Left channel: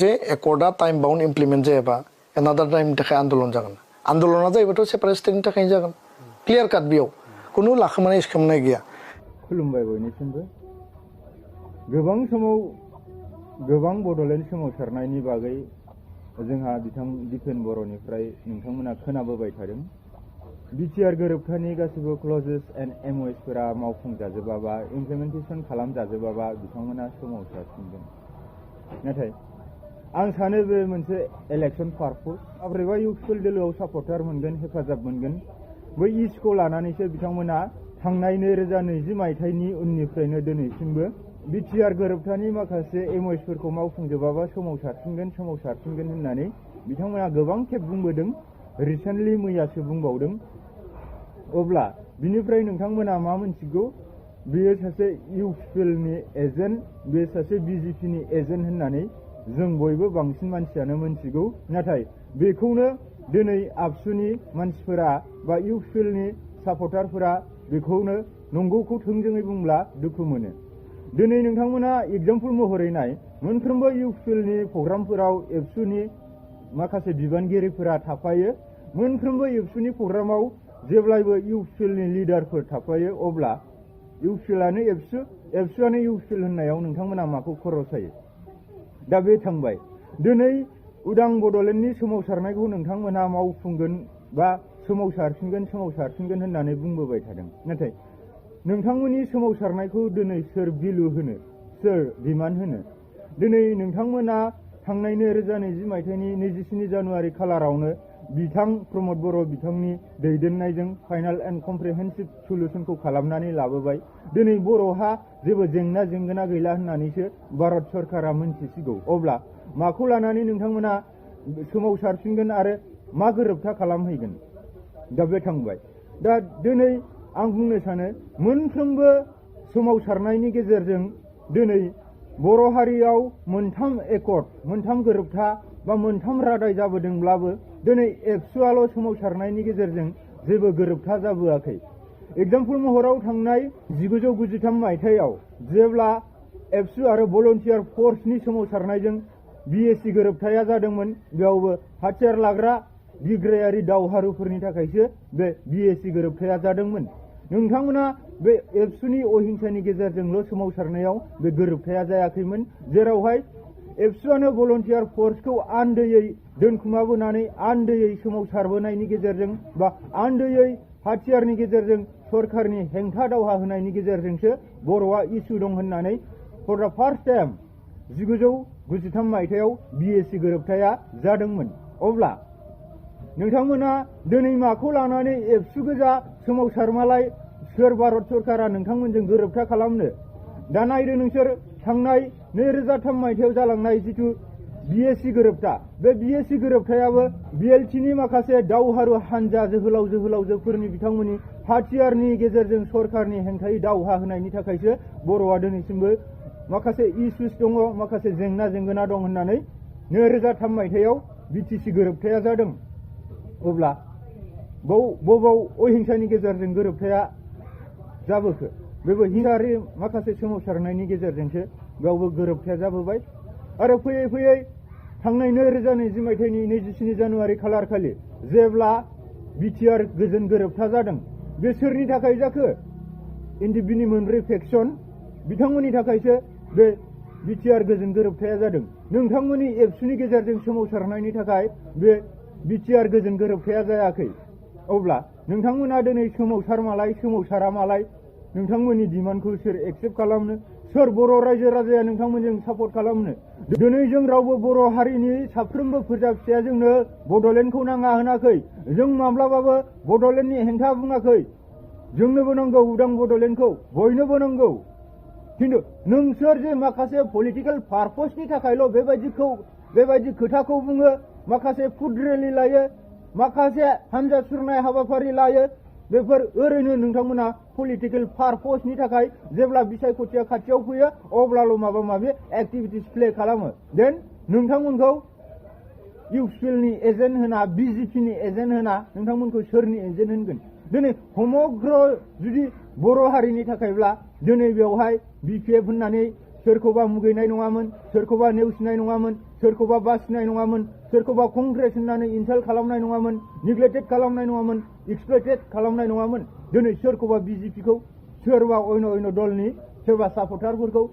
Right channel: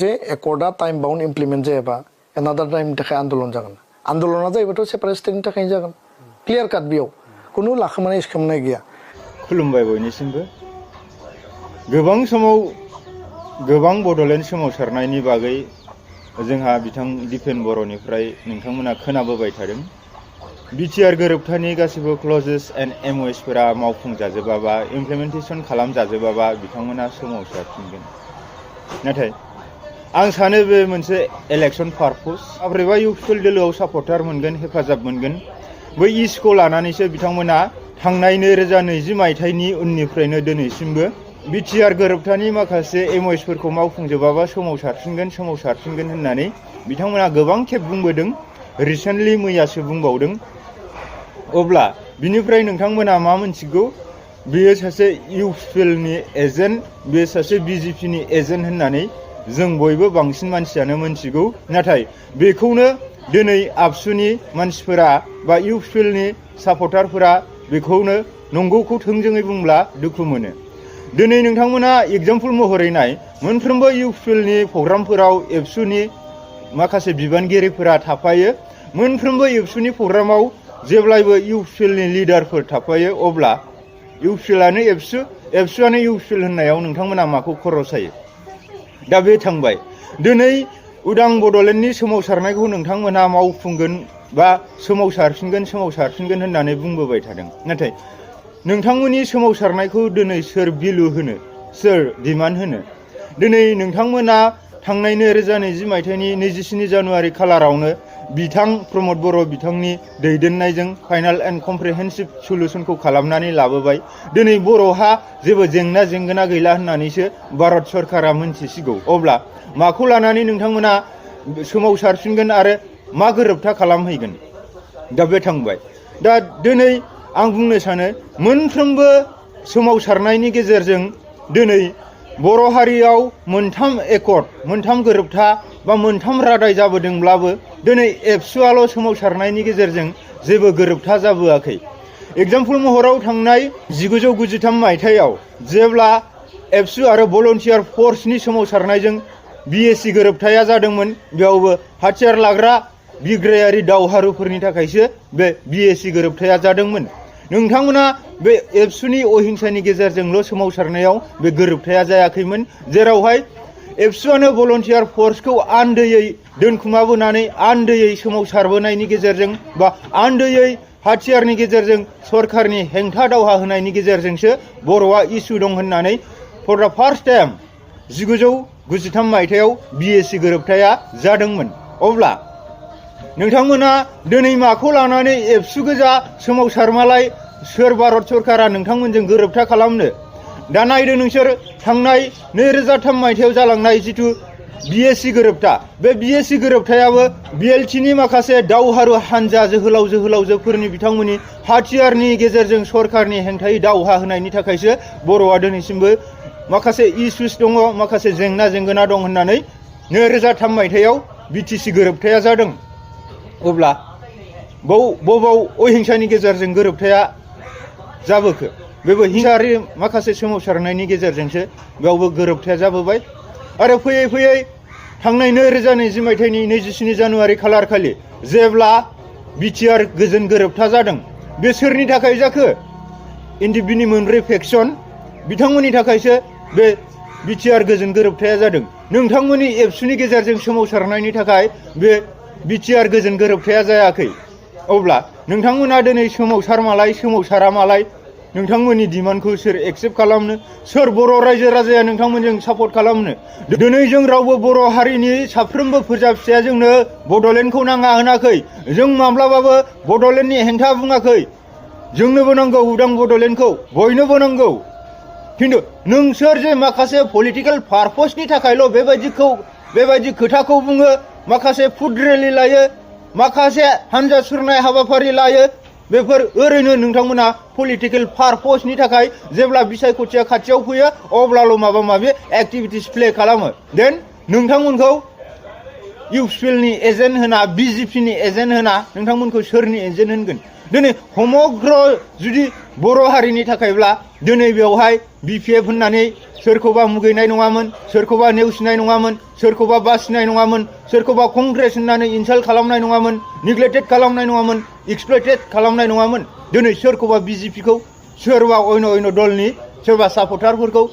जे एकर्डा time bound implement जायाबा एनादार टाइमनि थाखाय आन्दलन जागोन आन्दलना जायोबाथ' सेपारेट स्टेटनि थाखायनो जागोन क्लियार काट बेयाव खुनु लाखोमानाय सिखोमानाय गैया खुलुमबाय बयनिसिमबो गोबां समाव गोबां बड'लेण्ड सोमावसारनायनि बागै जोंहा बिथां दिपेन बर'निफ्राय नोंथांमोना खोनाबोबाय थादों बिटिआर गोरोबथानि गासिबो क्लजेस एन्ड एमअएसफोरा मावफुंजाजोबाबा इमप्लिमेन्टेसन खालामजाजोबाबा बिथांमोना सोमावसारफिनगोन नाथाय आं सानो बे मोनसे इलेक्सन पारपस माब्रैबा इउपिपिएल दोलोआव सापर्टार मोनगोन हेफाजाब मोनगोन बै इस्युखौ लानानैसो बिथांमोना थांनाय 2020 मायथाइनि उननिफ्रायनो दिनैसिमबो बिटिआर गोरोबथानि माखासे एमअएसफोरखौ मावफुंजोबाबा सोमावसारफिनगोन होननानै बिथांमोना गोबां खेब बुंबोदों रिसेन्टलि मैयासो बुंबावदों अब्ला बिनिफ्राय नोंथांमोना मा मोनथिगौ बेयो सासे इउपिपिएलनि एजेन्ट बेयो सासे बिजेपिनि एजेन्ट होननानै जों बयबो बांसिन मानसियानो मोनथिगौ नाथाय बेखौनो दिनै आबसुनि मानसिफोरा बा इउपिपिएलनि सापर्टारफोरा बेखौनो नंगौखौ थोंजोङै बुंब्ला दुखु मोनो दिनै नोंथांमोना एग्जाम्पल महरै नाय मोनफ्रोमबो इउपिपिएलनि प्रग्रामफोराव एबसुनि माखासे बिबानगिरिफोरा थाफायो मोनफ्रोमबो एबसुनि प्रग्रामाव जेब्लायबो इउपिपिएलनि लिडारफोर थाफायो अब्ला इउपिपिएलानो एबसुआनो इउपिपिएल होननायाव नोंथांमोना माखौ खर' सायो दा बे थांबाय दिनै उदां बड'लेण्डनि सोमावसारनायखौ नोंथांमोना मावफुंगोन बा सोमावसारफिनगोन होननानै बुंबोबाय थादों नाथाय नोंथांमोननि सोमावसारनायखौ दिनै सोर बिलु होनो सोर डिमान्ड होनो दिनै नोंथांमोना थांनाय 2020 मायथाइनि 27 जानुवारि खालारावनो बिथां प्रमद बर' बिथांनि दैदेननायजों फाइनाल एन्ड कमप्रिहेन्सिभ सलुसनखौ खालामनानै लाबोबाय दिनै बर'हा जेबो जेंना गैला होननानैसो भारत सरकारा मोनथिसिगौ अब्ला माखौ लानानै नोंथांमोना सोमावसारफिनगोन आरो मा गोरोबथा खालामहैगोन दा बे थांबाय दा दिनै आं बुंनो सानो मोनफ्रोमबो सोमावसारनायनि गेजेरजों दिनै बर' हारियाव मोनथाम गोरोबथा बा मोनथाम रादाय जाबोदोंब्लाबो दिनै एबसुआल' सोमावसारनायनि गेजेरजों जेबो गोरोबथा जाबोआखै एग्जाम्पल महराव थांनाय 1993 मायथाइयाव जेब्ला एबसु आरो भलन्टियार फर्सनि सोमावसारनायजों बिएसि गोरोबथाया जादोंमोन बेयावबो हाथियार लाग्रा बिग्रायारि दावहारुफोरनि थाखायसो बे बिएसि गोरोबथाया जादोंमोन नोंथांमोना बे एबसुनि अहिंसानि गेजेरजोंल' सोमावसारनायाव बे गोरोबथाया जायाखैमोन जेरावहाय एबसुआनो भलन्टियार फर्सखौ आन्दोयै दोनखुमाबोनानै आन्दोयै सोमावसारबोनायनि गेजेरजों बा आन्दोयै हाथियारनि गेजेरजों सरकारनि हेंथा दावहा होनायनि गेजेरजोंसो बर'आ इसु दं होननानै फर दा फार्स्ट टाइम 1993 मायथाइयाव बिएसि गोरोबथाया जादोंमोन अब्ला नोंथांमोना दिनै माखौ लानानै एबसु गोजा सोमावसारमालाय सोर भारत सरकारा नोंथांमोनजों गोरोबथा खालामनो दा नायदो नोंसोर थांनाय 2003 मायथाइयाव जालांनाय जिथु बिएसि गोरोबथा बे बिएसि गोरोबथायाबो बिएलटिनि माखासे दावहारु हानजा जोहोलावजोफोरनि बिथांमोननि हाथियारनि गेजेरजों सरकारनि हेंथायै दावहा होनायनि थाखायसो बर'आ दिनैसिमबो माखासे इस्युस दङ माखासे जेंना दं होननानै 2003 मायथाइयाव बिटिसि गोरोबथाया जादों अब्ला बबाव अहिंसानि गेजेरजों गोरोबथाया जाबोखो बेबो हिंसायारि माखासे सोमावसारनायनि गेजेरजोंसो बेयावबो गोरोबथाया जाबोबाय आरो फैयै थांनाय 2020 मायथाइनि 27 जानुवारि खालारखालि जेब्ला बिटिआर गोजोन गोरोबथा जादों बे सोरनि थाखाय जाखो एनडिएफबिनि मोनब्रै फेक्सन बिथांमोननि थाखायसो बे बिटिआर गोजोन गोरोबथाया जादों नोंथांमोननि एबसुनि गेजेरजों सोमावसारनायनि थाखाय बे बिटिआर गोजोन गोरोबथाया जायाखै अब्ला नोंथांमोना दिनै सोमावसारा मालाय नोंथांमोननि डिमान्डखौ सोर एक्सेप्ट खालामनो सोर बर' रायजो राजाया नोंथांमोनजों सापर्ट खालामनो दिनै जों रावबो बर' हारिनि साफ्रोमबो फोरजा फिसाया जोंनो बड'लेण्डखौ नाङा होनाखै जों माब्लाबाबो बड'लेण्डनि हेंथा बुङाखै जोंनोबो नांगौ उदां बड'लेण्डखौ बयनोबो नांगौ खिन्थु नोंसोर जे माखासे पलिटिकेल पारपसनि थाखायल' बेबायदि खोथाखौ बुङो माखासे फुड रेलि लायो माखासे हानजा सुरनाय हाबाफारि लायो बेफोर ओरैनो नोंथांमोना पलिटिकेल पारपसनि थाखाय जेब्ला बिसायख'थिया खाथियाव फैयो अब्लाल' माबा माबि एक्टिभिटिस प्ले खालामो देन नोंथांमोनखौ इउपिपिएलनि एजेन्ट होना बिजेपिनि एजेन्ट होना नोंथांमोनखौ सोरनि एजेन्ट होनगोन दिनै समग्र जुदि बर' हारिनि थाखायब्ला दिनै बेवहाय BPF होननानै सोरखौबा मुगैनाय नङामोन, सोरखौबा नेवसिनाय नङामोन, सोरखौबा बासिनाय नङामोन, सोरखौबा कंग्रेस होननानै इनसाल्ट खालामनाय नङामोन, निग्लेक्टेड खालामनाय नङामोन, एक्सप्लइटेड खालामनाय नङामोन। दिनै सोरखौबा BJPखौ सोरबा अयन दलनि सोरबा सापर्टारफोरखौ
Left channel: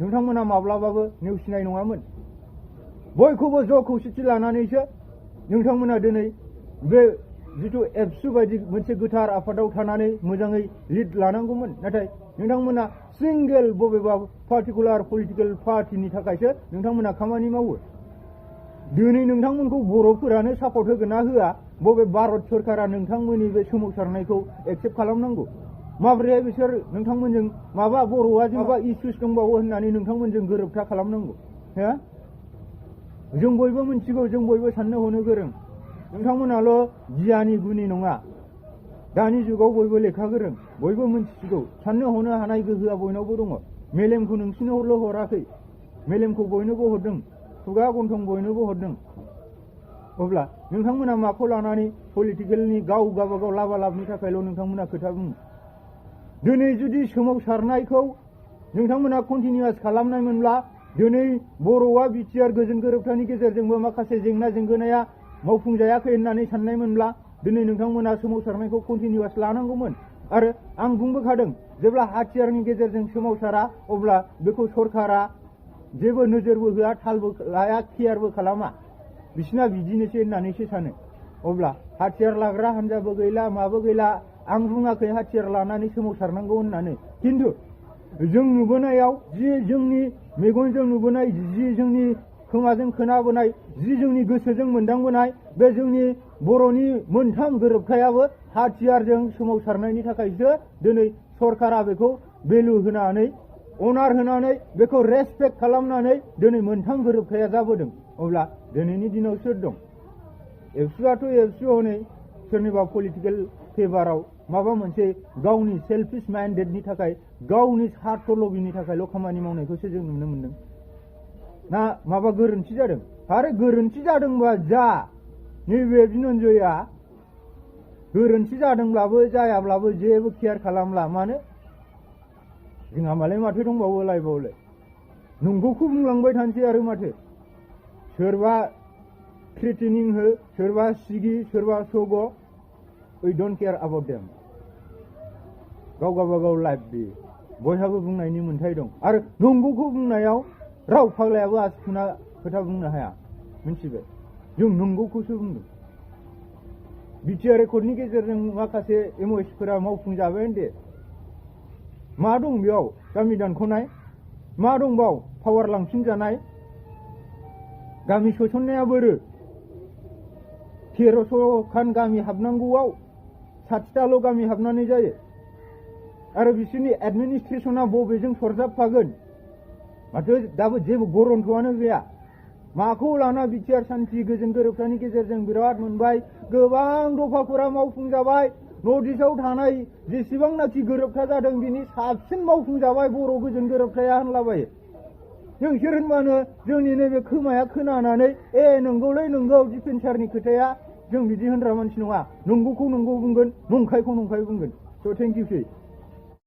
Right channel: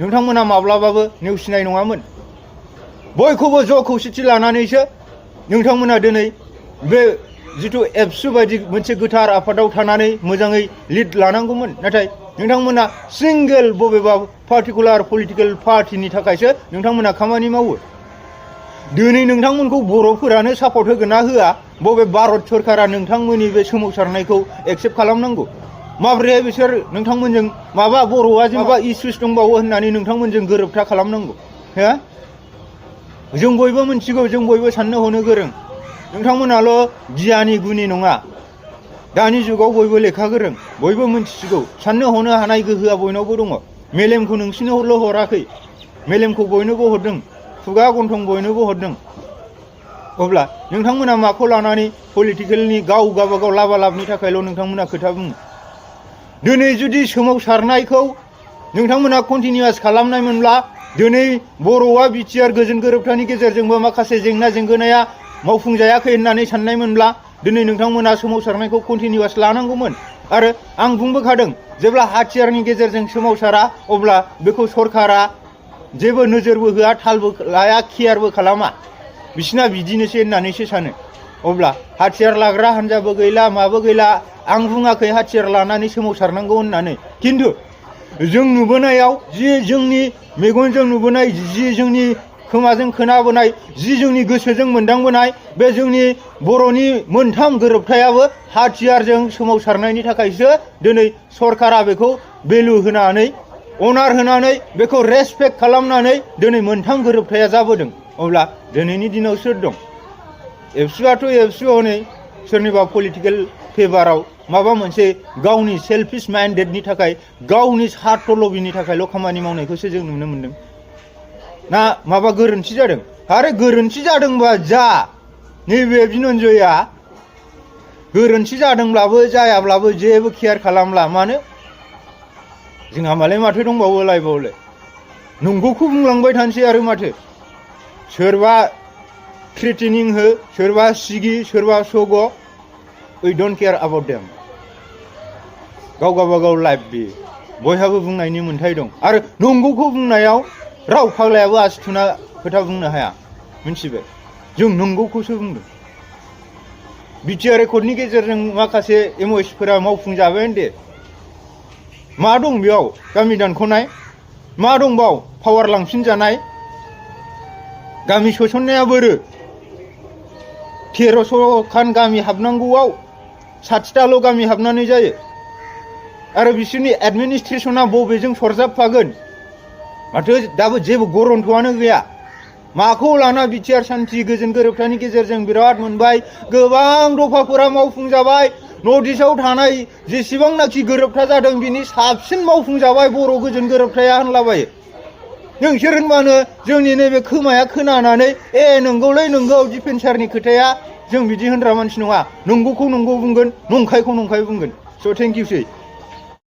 नोंथांमोना माब्लाबाबो नेवसिनाय नङामोन। बयखौबो ज' खौसेथि लानानैसो नोंथांमोना दिनै बे जिथु एबसु बायदि मोनसे गोथार आफादाव थानानै मोजाङै लिड लानांगौमोन। नाथाय नोंथांमोना सिंगेल बबेबा पार्टिकुलार पलिटिकेल पार्टिनि थाखायसो नोंथांमोना खामानि मावो। दिनै नोंथांमोनखौ बर'फोरानो सापर्ट होगोन ना होआ, बबे भारत सरकारा नोंथांमोननि बे सोमावसारनायखौ एक्सेप्ट खालामनांगौ? माब्रैहाय बिसोर नोंथांमोनजों माबा बर'आ माबा इसुस दंबावो होननानै नोंथांमोनजों गोरोबथा खालामनांगौ? हो? जों बयबो मिथिगौ, जों बयबो साननो हनो गोरों। नोंथांमोनाल' गियानि गुनि नङा। दानि जुगाव बयबो लेखा गोरों, बयबो मिथिसिगौ। साननो हनो हानाय गोहोआ बयनावबो दङ। मेलेमखौ नोंसिनोल' हराखै, मेलेमखौ बयनोबो हरदों, खुगा गन्थं बयनोबो हरदों। अब्ला नोंथांमोना माखौ लानानै पलिटिकेलनि गावबागाव लाबालाबनि थाखायल' नोंथांमोना खोथा बुङो? दिनै जुदि सोमावसारनायखौ नोंथांमोना कन्टिनिउवास खालामनायमोनब्ला दिनै बर'आ बिटिआर गोजोन गोरोबथानि गेजेरजोंबो माखासे जेंना जेंगोनाया मावफुंजायाखै होननानै साननायमोनब्ला दिनै नोंथांमोना सोमावसारनायखौ कन्टिनिउवास लानांगौमोन। आरो आं बुंबोखादों, जेब्ला हाथियारनि गेजेरजों सोमावसारा अब्ला बेखौ सरकारा जेबो नोजोरबो होआ, थालबो लाया, केयारबो खालामा। बिसिना बिदिनोसै होननानैसो सानो। अब्ला हाथियार लाग्रा हान्जाबो गैला, माबो गैला। आं बुङाखै हाथियार लानानै सोमावसारनांगौ होननानै, खिन्थु जों नुबोनायाव जि जोंनि मेगनजों नुबोनाय, जि जोंनि खोमाजों खोनाबोनाय, जि जोंनि गोसोजों मोनदांबोनाय, बे जोंनि बर'नि मोनथाम गोरोबथायाबो हाथियारजों सोमावसारनायनि थाखायसो दिनै सरकारा बेखौ भेलु होनानै, अनार होनानै, बेखौ रेसपेक्ट खालामनानै दिनै मोनथाम गोरोबथाया जाबोदों। अब्ला दिनैनि दिनाव सोर दं? एबसुआथ' एबसु हनै सोरनिबा पलिटिकेल फेभाराव माबा मोनसे गावनि सेल्फिश माइन्डेडनि थाखाय, गावनि स्वार्थ लबिनि थाखायल' खामानि मावनायखौसो जों नुनो मोन्दों। ना माबा गोरोन्थि जादों? आरो गोरोन्थि जादोंबा जा, नैबे बिनन्जया गोरोन्थि जादोंब्लाबो जायाब्लाबो जेबो केयार खालामला। मानो? जोंहा मालाय माथो दंबावो लाइफआवलाय? नंगौखौ बुंलांबाय थानोसै आरो माथो। सोरबा थ्रेटेनिं हो, सोरबा सिगि, सोरबा सग', उइ डन्ट केयार एबाउट देम। गाव गावबागाव लाइफ, बे बयहाबो बुंनायनि मोन्थाय दं। आरो नंगौखौ बुंनायाव राव फाग्लायाबो आसि थुना खोथा बुंनो हाया, मिथिबाय? जों नंगौखौसो बुंदों। बिटिआर रेकर्डनि गेजेरजों माखासे एमअएसफोरा मावफुंजाबाय दे। मा दं बेयाव? गामि दानख'नाय? मा दं बाव? पावार लांफिनजानाय? गामि सोसननाया बोरो? 1300 खान गामि हाबनांगौआव 60टाल' गामि हाबनानै जायो। आरो बिसोरनि एडमिनिस्ट्रेसना बबेजों सरजाबफागोन? माथो दाबो जेबो गरन्थ'आनो गैया। माखौ लाना बिटिआर सान्थि गोजोन गोरोबथानि गेजेरजों बिराद मोनबाय, गोबां दफाफोरा मावफुंजाबाय, नर्थ इस्टआव थानाय जेसेबांनाखि गोरोबथा जादों बिनि साबसिन मावफुंजाबाय बर' गोजोन गोरोबथाया होनलाबायो। नोंसोर होनबानो जोंनि नैबे खोमाया खोनानानै नंगौलै नंगौ डिफेन्सारनि खोथाया, जों बिदि होनग्रा मानसि नङा। नंगौखौ नंगौ बुंगोन, नंखायखौ नंखाय बुंगोन। स' थेंक इउ सै।